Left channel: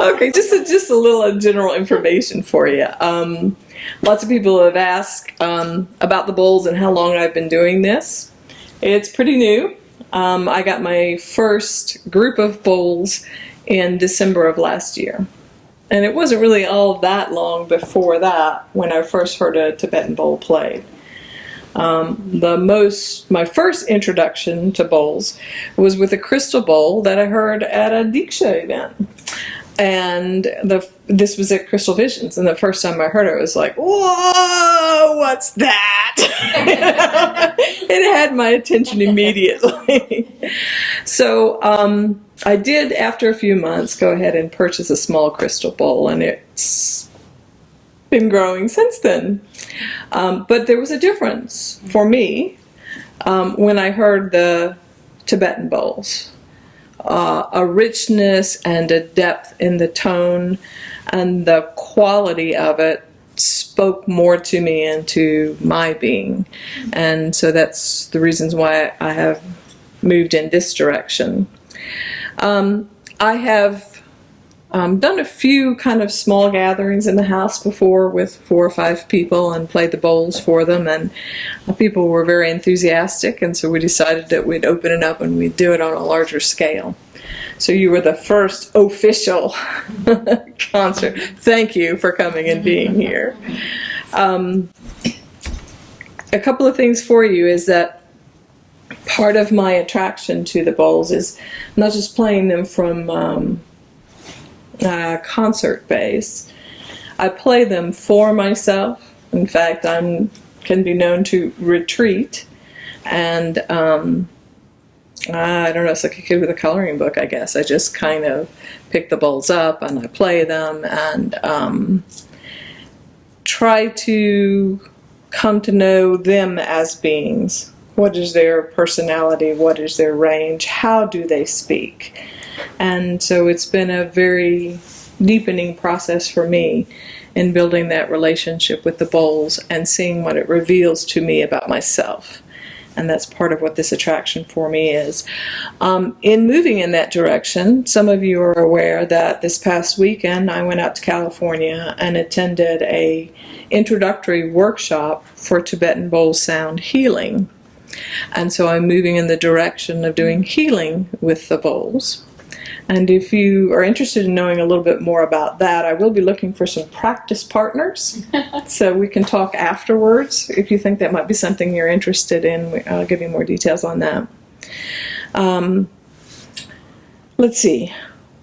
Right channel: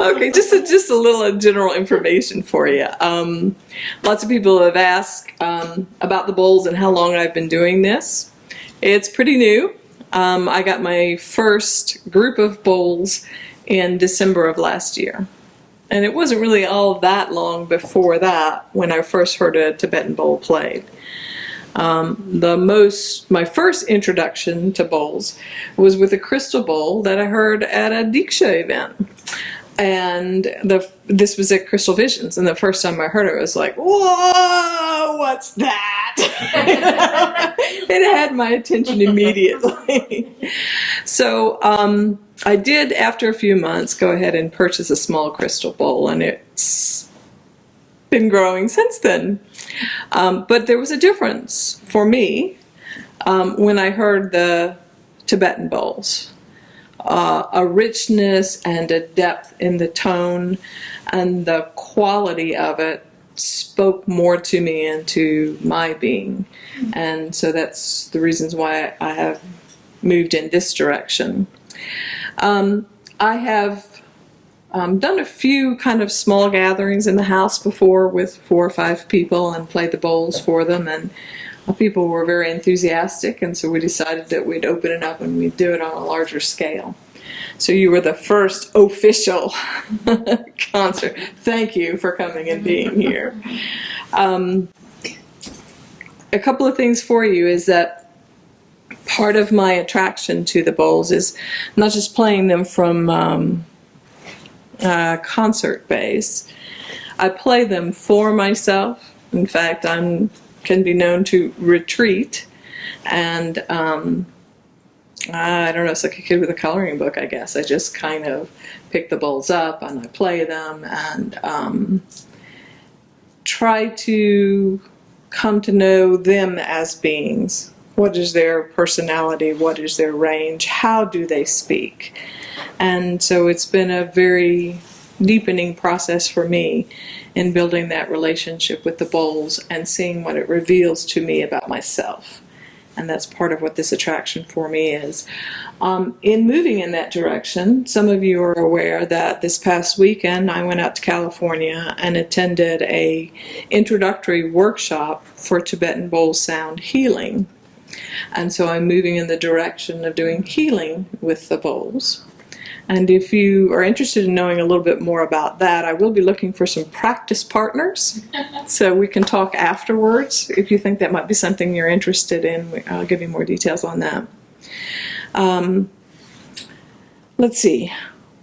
Okay, just a little general information for you. Lots of people have asked about the bowls and how long I've been doing this. It's pretty new. I got my first group of bowls in December of last year. And it wasn't really all that long before that when I first heard a Tibetan bowl played. My first introduction to bowls was with a crystal bowl that I heard at a Diksha event. And this was at Crystal Visions, and the first time I heard it, I was like, whoa, what's that? It had my attention immediately. So I did, after a few months, go ahead and purchase a small crystal bowl, and it's been growing since then. But there was a difference for me when I heard the Tibetan bowls. A richness and a depth in the tone, and the quality of it spoke more to me and to my being. And so that's the reasons why I have moved in this direction. I have done a few kind of small gatherings in the house before with 4 or 5 people and played the bowls for them, and people were very enthusiastic, and so we decided that we'd open it up and we'd do it on a larger scale. So you were the first official concert. Thank you for coming and being here. A couple of things for you is that part of my attraction to the bowls is not just playing them from concert base. I play them for myself. In fact, I can be known to retreat, and I don't know, it's like a kid with a coloring book, I guess. I just kind of pick the bowls up and I play them and try to come to know them as beings. What is their personality? What is their range? How do they speak? And so it's been a very deepening process for me in building that relationship with the bowls and seeing what it reveals to me about myself. And that's part of what this attraction for me is. In moving in that direction, some of you are aware that this past weekend I went out to California and attended a introductory workshop for Tibetan bowl sound healing. And so I'm moving in the direction of doing healing with the bowls. And if you are interested in knowing a little bit more about that, I will be looking for some practice partners, so we can talk afterwards. If you think that might be something you're interested in, I'll give you more details on that. Let's see.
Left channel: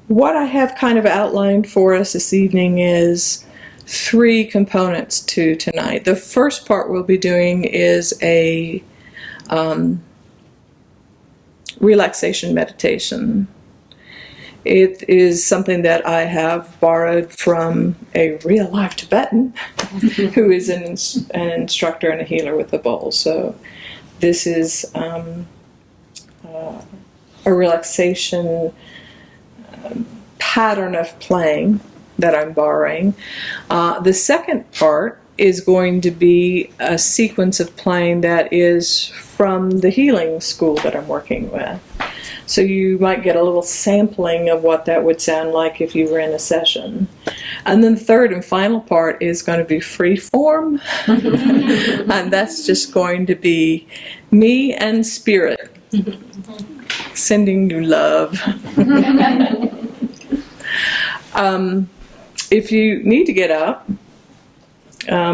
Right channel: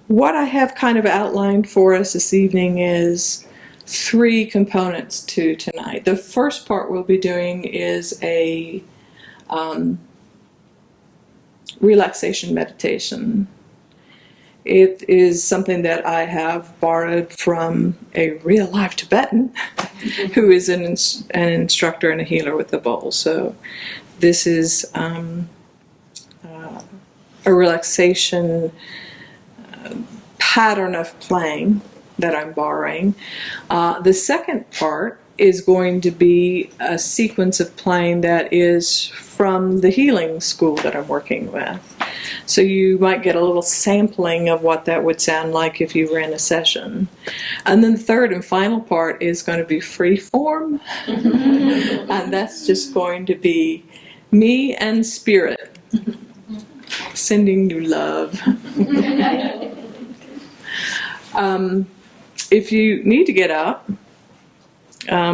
What I have kind of outlined for us this evening is 3 components to tonight. The first part we'll be doing is a relaxation meditation. It is something that I have borrowed from a real life Tibetan who is an instructor and a healer with the bowl. So this is a relaxation pattern of playing that I'm borrowing. The second part is going to be a sequence of playing that is from the healing school that I'm working with. So you might get a little sampling of what that would sound like if you were in a session. And then the third and final part is going to be free form. And that's just going to be me and spirit sending you love. If you need to get up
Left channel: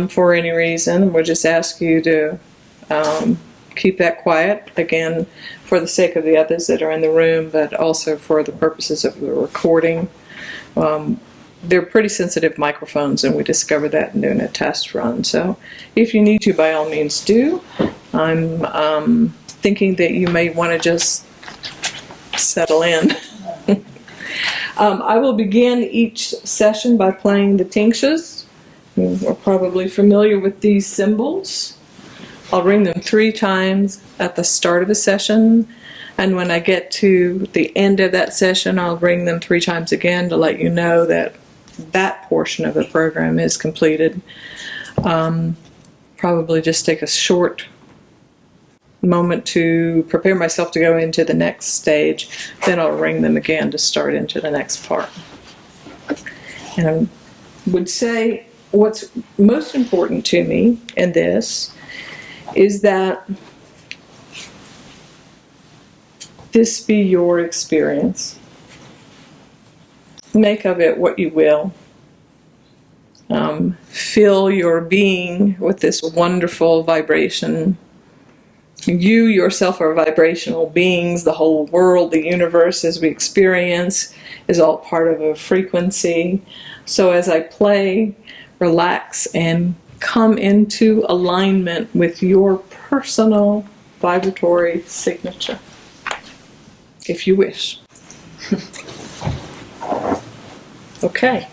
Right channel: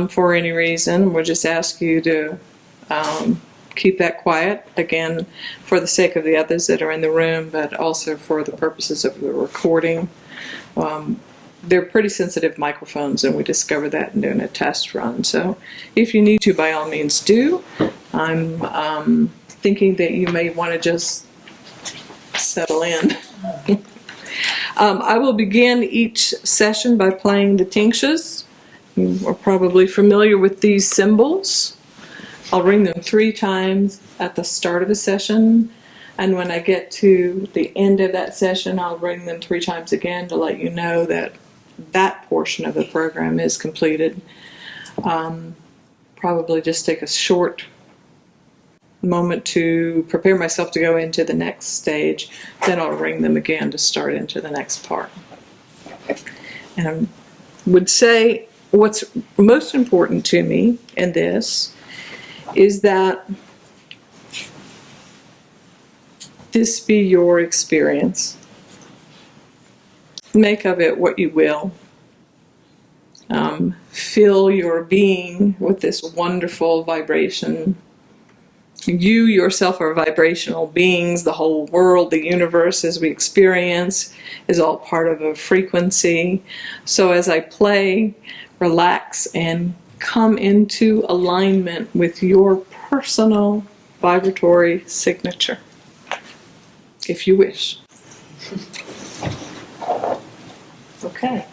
for any reason, we'll just ask you to keep that quiet, again, for the sake of the others that are in the room, but also for the purposes of the recording. They're pretty sensitive microphones, and we discovered that in doing a test run. So if you need to, by all means do. I'm thinking that you may want to just settle in. I will begin each session by playing the tingshes. We're probably familiar with these symbols. I'll ring them 3 times at the start of a session, and when I get to the end of that session, I'll ring them 3 times again to let you know that that portion of the program is completed. Probably just take a short moment to prepare myself to go into the next stage, then I'll ring them again to start into the next part. And I would say what's most important to me in this is that this be your experience. Make of it what you will. Fill your being with this wonderful vibration. You yourself are vibrational beings. The whole world, the universe as we experience, is all part of a frequency. So as I play, relax and come into alignment with your personal vibratory signature, if you wish. Okay.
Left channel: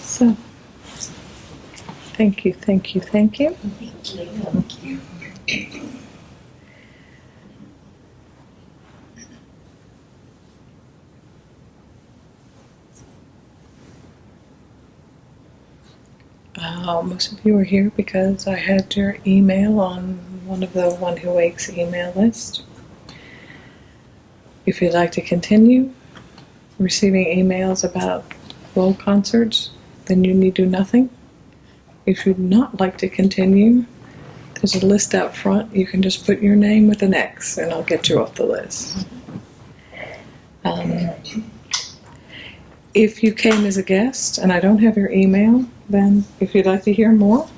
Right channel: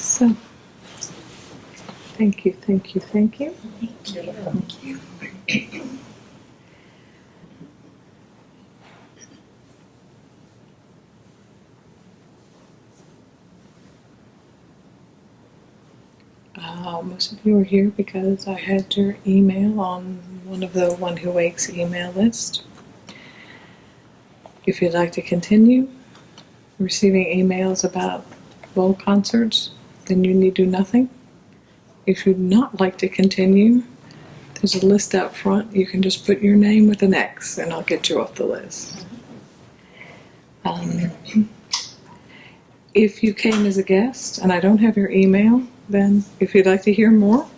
So, thank you, thank you, thank you. Thank you. Most of you are here because I had your email on one of the One Who Wakes email list. If you'd like to continue receiving emails about bowl concerts, then you need do nothing. If you'd not like to continue, there's a list out front. You can just put your name with an X and I'll get you off the list. If you came as a guest and I don't have your email, then if you'd like to hear more,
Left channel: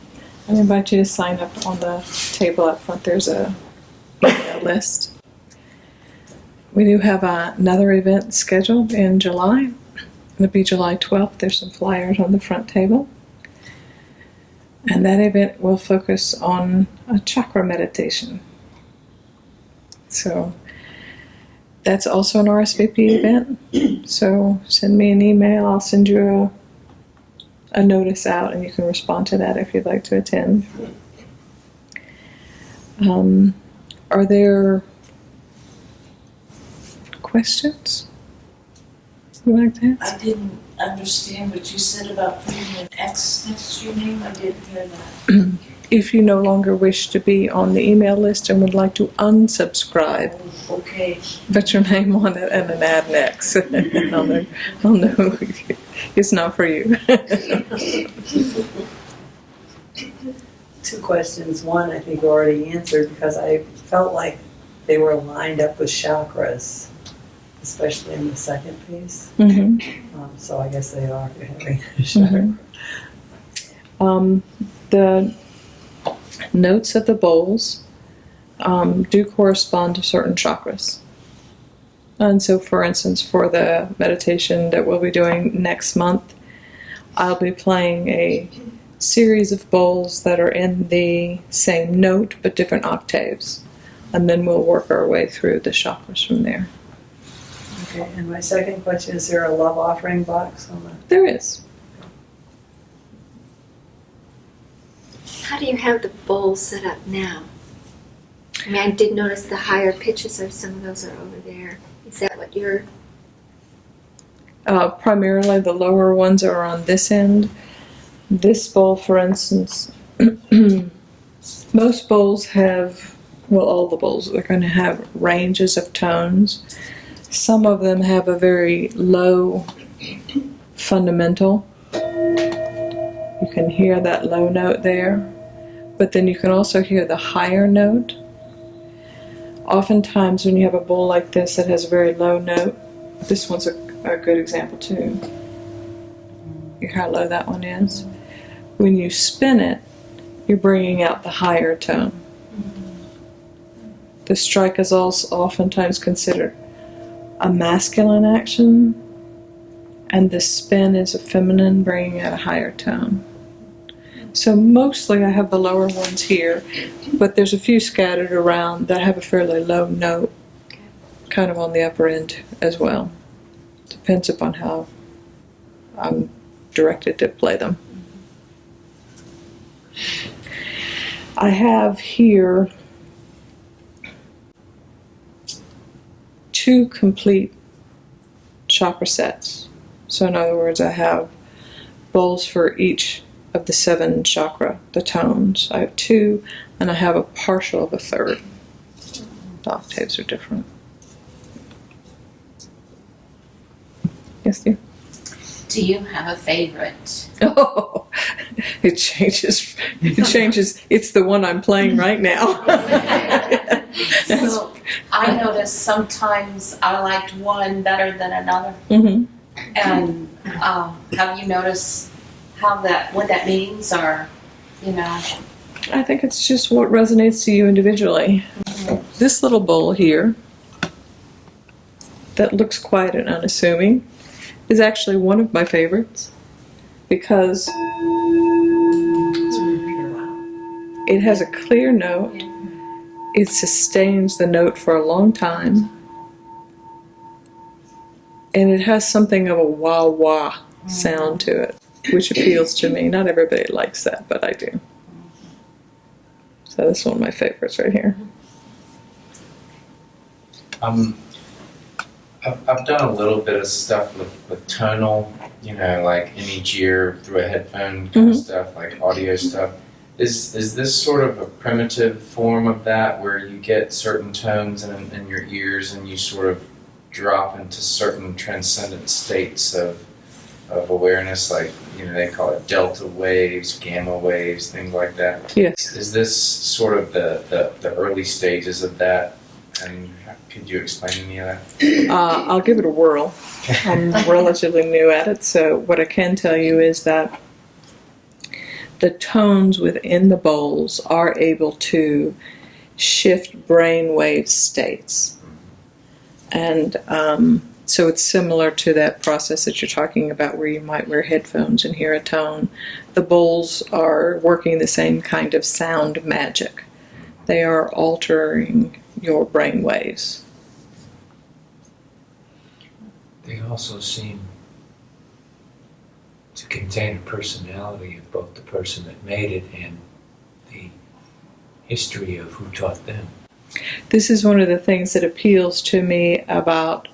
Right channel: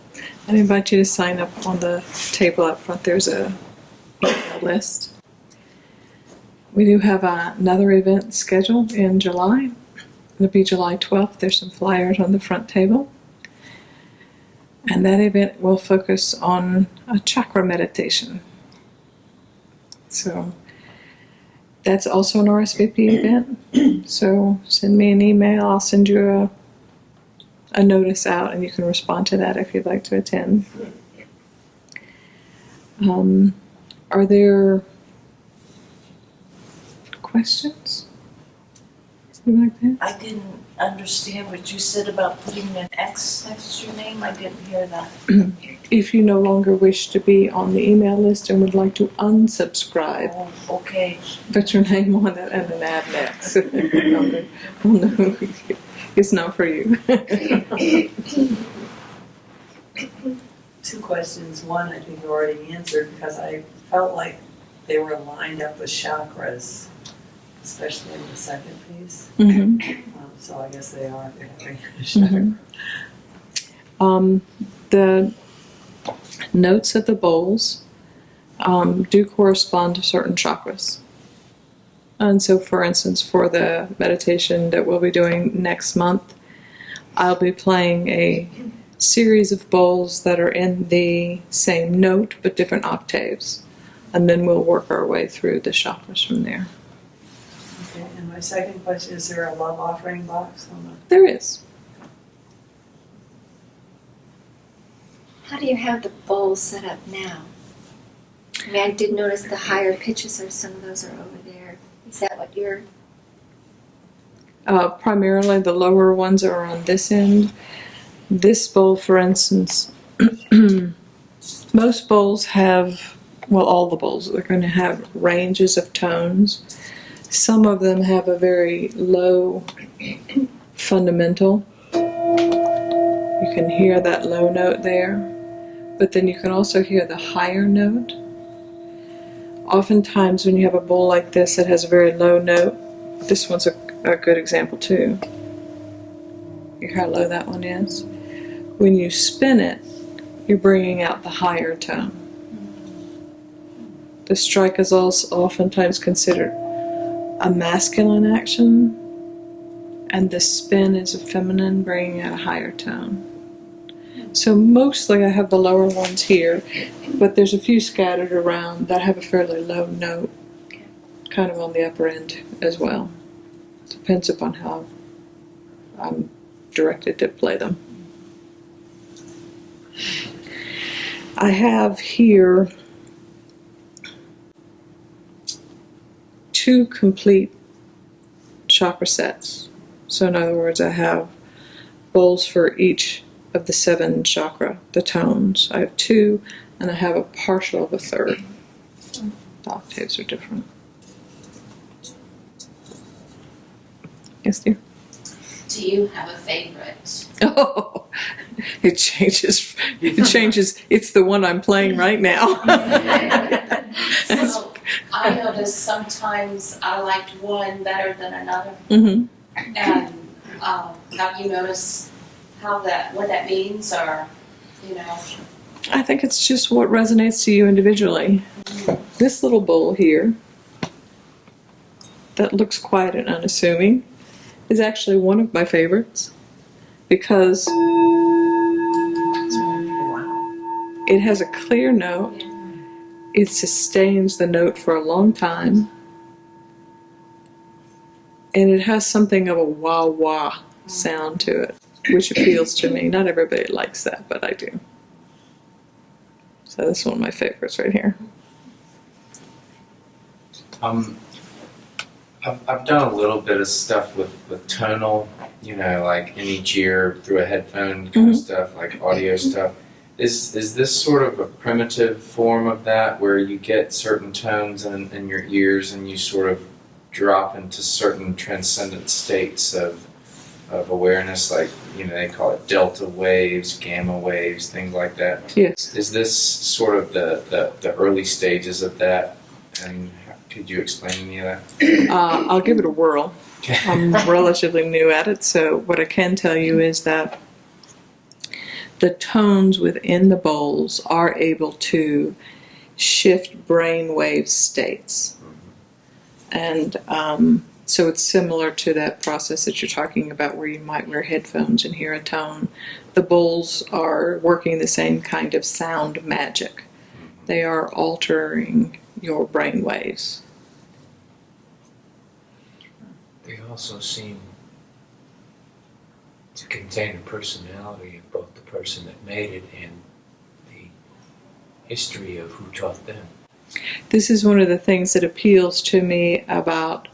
I'd invite you to sign up on the table out front. There's a email list. We do have another event scheduled in July. It'll be July 12th. There's some flyers on the front table. And that event will focus on a chakra meditation. So that's also an RSVP event. So send me an email. I'll send you a notice out and you can respond to that if you'd like to attend. Are there questions you'd like to ask? I didn't understand what you said about putting an X next to your name. I didn't hear that. If you no longer wish to be on the email list and would like to unsubscribe, Oh, okay. put your name on it and an add next. I'll know it's not for you. Two questions. One, I think you already answered because I felt like they were lined up with chakras, especially in the second piece. Mm-hmm. So I guess they are having a chakra. Mm-hmm. The notes of the bowls do correspond to certain chakras. And so, for instance, for the meditation that we'll be doing next month, I'll be playing a series of bowls that are in the same note but different octaves. And then we'll work our way through the chakras from there. Okay, and my second question, is there a love offering box on the... There is. How do you have the bowl set up now? I mean, I did notice the higher pitches of some of those are over there. Is that what you're... Primarily the lower ones are on this end. This bowl, for instance, most bowls have, well, all the bowls are going to have ranges of tones. Some of them have a very low fundamental. You can hear that low note there, but then you can also hear the higher note. Oftentimes when you have a bowl like this that has a very low note, this one's a good example too. You hear how low that one is. when you spin it, you're bringing out the higher tone. The strike is also oftentimes considered a masculine action, and the spin is a feminine, bringing out a higher tone. So mostly I have the lower ones here, but there's a few scattered around that have a fairly low note, kind of on the upper end as well. Depends upon how I'm directed to play them. I have here 2 complete chakra sets. So in other words, I have bowls for each of the 7 chakra, the tones. I have 2, and I have a partial of a third. The octaves are different. Yes, dear? Do you have a favorite? Oh, it changes. It changes. It's the one I'm playing right now. So I notice sometimes I liked one better than another. Mm-hmm. And have you noticed what that means, or I think it's just what resonates to you individually. This little bowl here, that looks quiet and unassuming, is actually one of my favorites because it has a clear note. It sustains the note for a long time. And it has something of a wah-wah sound to it, which appeals to me. Not everybody likes that, but I do. So this is one of my favorites right here. I've done a little bit of stuff with tonal, like in each ear through a headphone kind of stuff, like audio stuff. Is this sort of a primitive form of that, where you get certain tones in your ears and you sort of drop into certain transcendent states of awareness, like they call it delta waves, gamma waves, things like that? Yes. Is this sort of the early stages of that? And could you explain any of that? I'll give it a whirl. I'm relatively new at it, so what I can tell you is that the tones within the bowls are able to shift brain wave states. And so it's similar to that process that you're talking about, where you might wear headphones and hear a tone. The bowls are working the same kind of sound magic. They are altering your brain waves. They also seem to contain a personality of both the person that made it and the history of who taught them. This is one of the things that appeals to me about,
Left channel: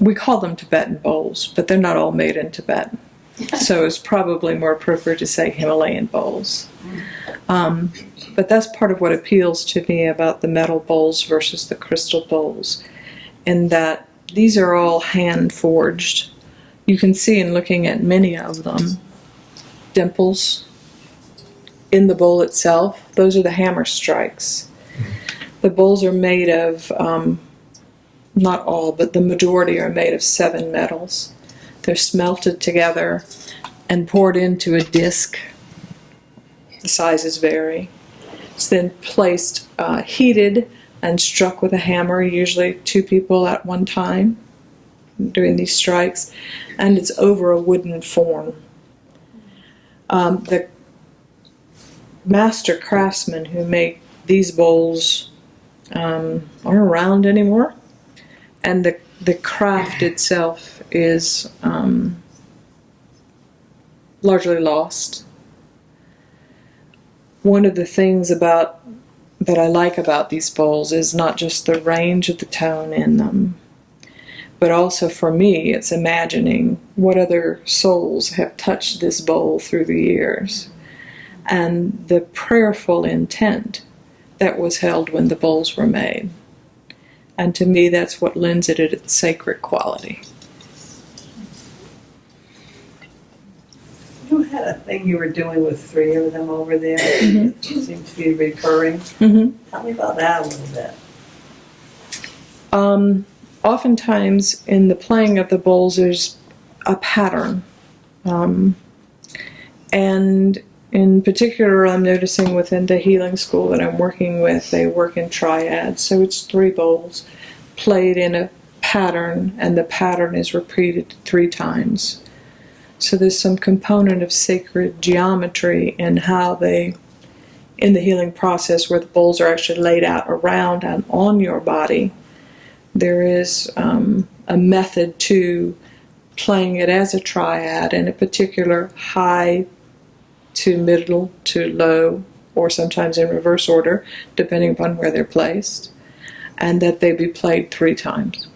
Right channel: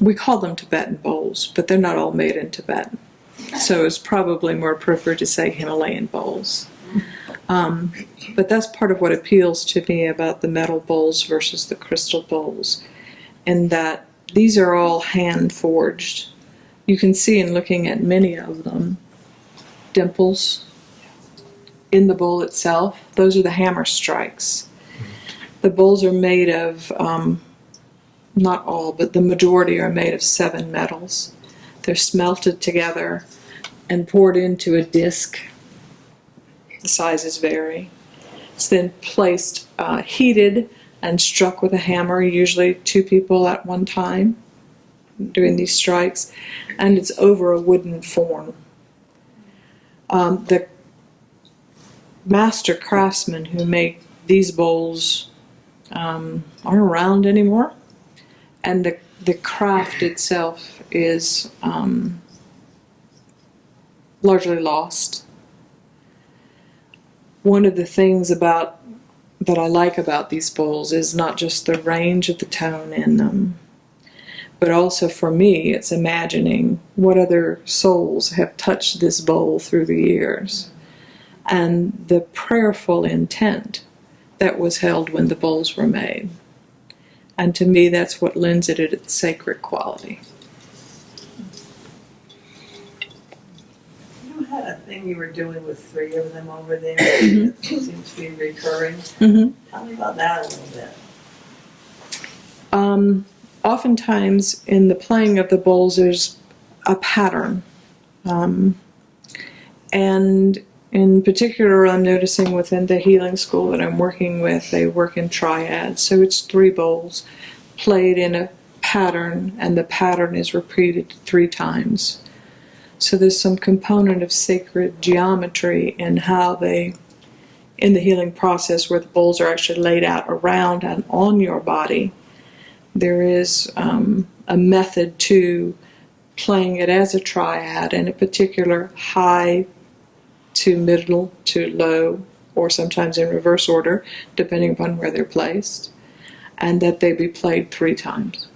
we call them Tibetan bowls, but they're not all made in Tibet. So it's probably more appropriate to say Himalayan bowls. But that's part of what appeals to me about the metal bowls versus the crystal bowls, in that these are all hand forged. You can see in looking at many of them, dimples in the bowl itself. Those are the hammer strikes. The bowls are made of, not all, but the majority are made of 7 metals. They're smelted together and poured into a disc. The sizes vary. It's then placed, heated, and struck with a hammer, usually 2 people at one time doing these strikes, and it's over a wooden form. The master craftsmen who make these bowls aren't around anymore, and the craft itself is largely lost. One of the things that I like about these bowls is not just the range of the tone in them, but also for me it's imagining what other souls have touched this bowl through the years, and the prayerful intent that was held when the bowls were made. And to me, that's what lends it its sacred quality. You had a thing you were doing with 3 of them over there. It seems to be recurring. Mm-hmm. Tell me about that a little bit. Oftentimes in the playing of the bowls, there's a pattern. And in particular, I'm noticing within the healing school that I'm working with, they work in triads. So it's 3 bowls played in a pattern, and the pattern is repeated 3 times. So there's some component of sacred geometry in how they, in the healing process, where the bowls are actually laid out around and on your body, there is a method to playing it as a triad in a particular high to middle to low, or sometimes in reverse order, depending upon where they're placed, and that they be played 3 times.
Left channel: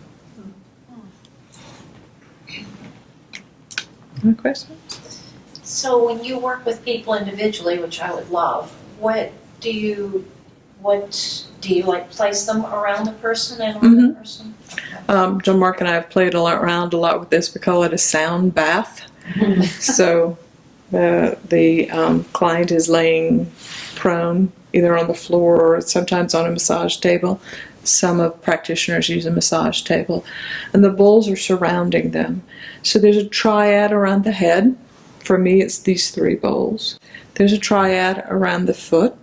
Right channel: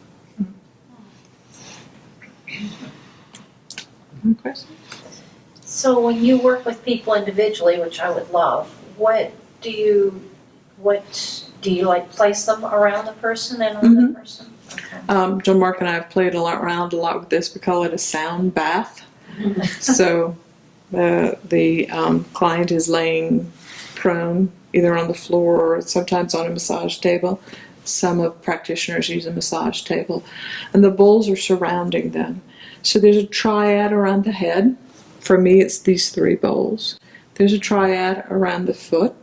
Any questions? So when you work with people individually, which I would love, what do you like place them around the person and on the person? John Mark and I have played around a lot with this. We call it a sound bath. So the client is laying prone, either on the floor or sometimes on a massage table. Some of practitioners use a massage table. And the bowls are surrounding them. So there's a triad around the head. For me, it's these 3 bowls. There's a triad around the foot.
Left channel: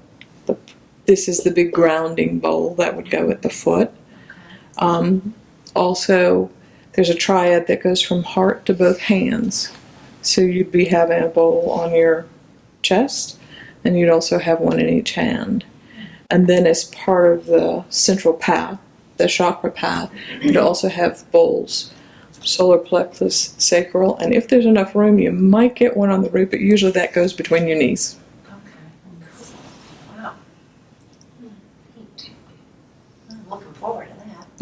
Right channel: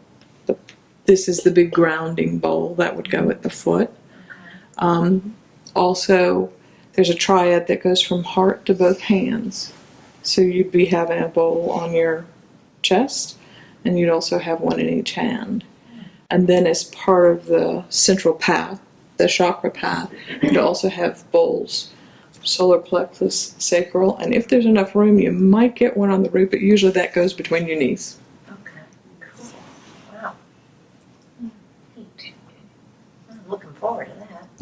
This is the big grounding bowl that would go at the foot. Also, there's a triad that goes from heart to both hands. So you'd be having a bowl on your chest, and you'd also have one in each hand. And then as part of the central path, the chakra path, you'd also have bowls, solar plexus, sacral, and if there's enough room, you might get one on the root, but usually that goes between your knees. Okay, cool. Wow. I'm looking forward to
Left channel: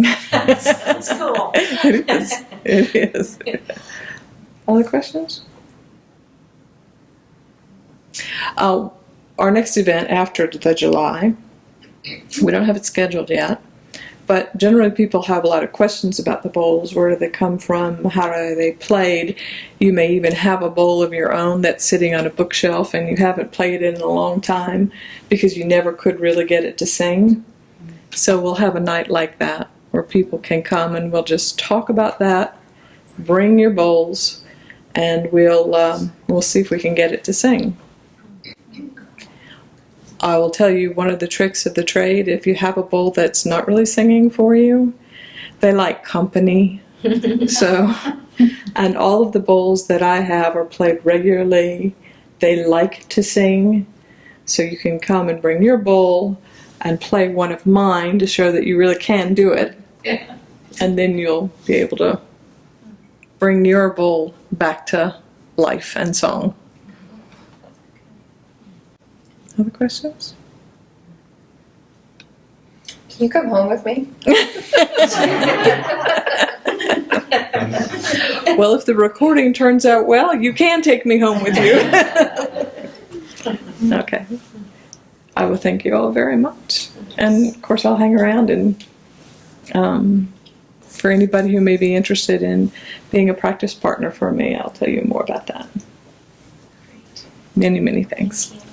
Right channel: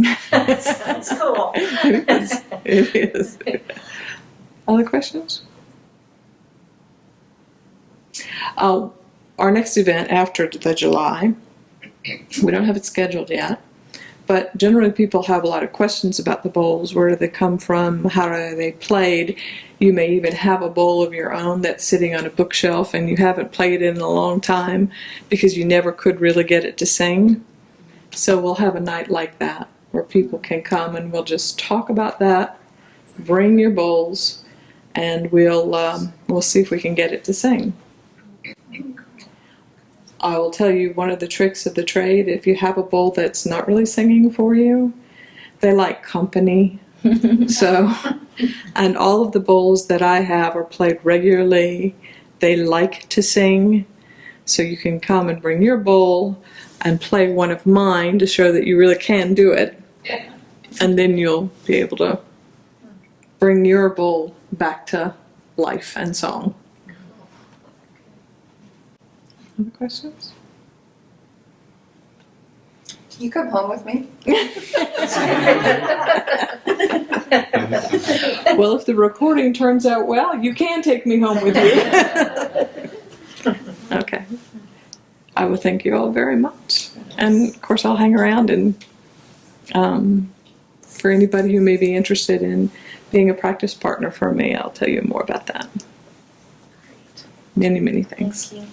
that. Sounds cool. It is. It is. Other questions? Our next event after the July, we don't have it scheduled yet, but generally people have a lot of questions about the bowls. Where do they come from? How are they played? You may even have a bowl of your own that's sitting on a bookshelf and you haven't played it in a long time because you never could really get it to sing. So we'll have a night like that where people can come and we'll just talk about that. Bring your bowls, and we'll see if we can get it to sing. I will tell you one of the tricks of the trade. If you have a bowl that's not really singing for you, they like company. So, and all of the bowls that I have are played regularly. They like to sing. So you can come and bring your bowl and play one of mine to show that you really can do it. Yeah. And then you'll be able to bring your bowl back to life and song. Other questions? Can you come home with me? Well, if the recording turns out well, you can take me home with you. Okay. I will thank you all very much. And of course, I'll hang around, and for anybody who may be interested in being a practice partner for me, I'll tell you more about that. Many, many thanks. Thank you.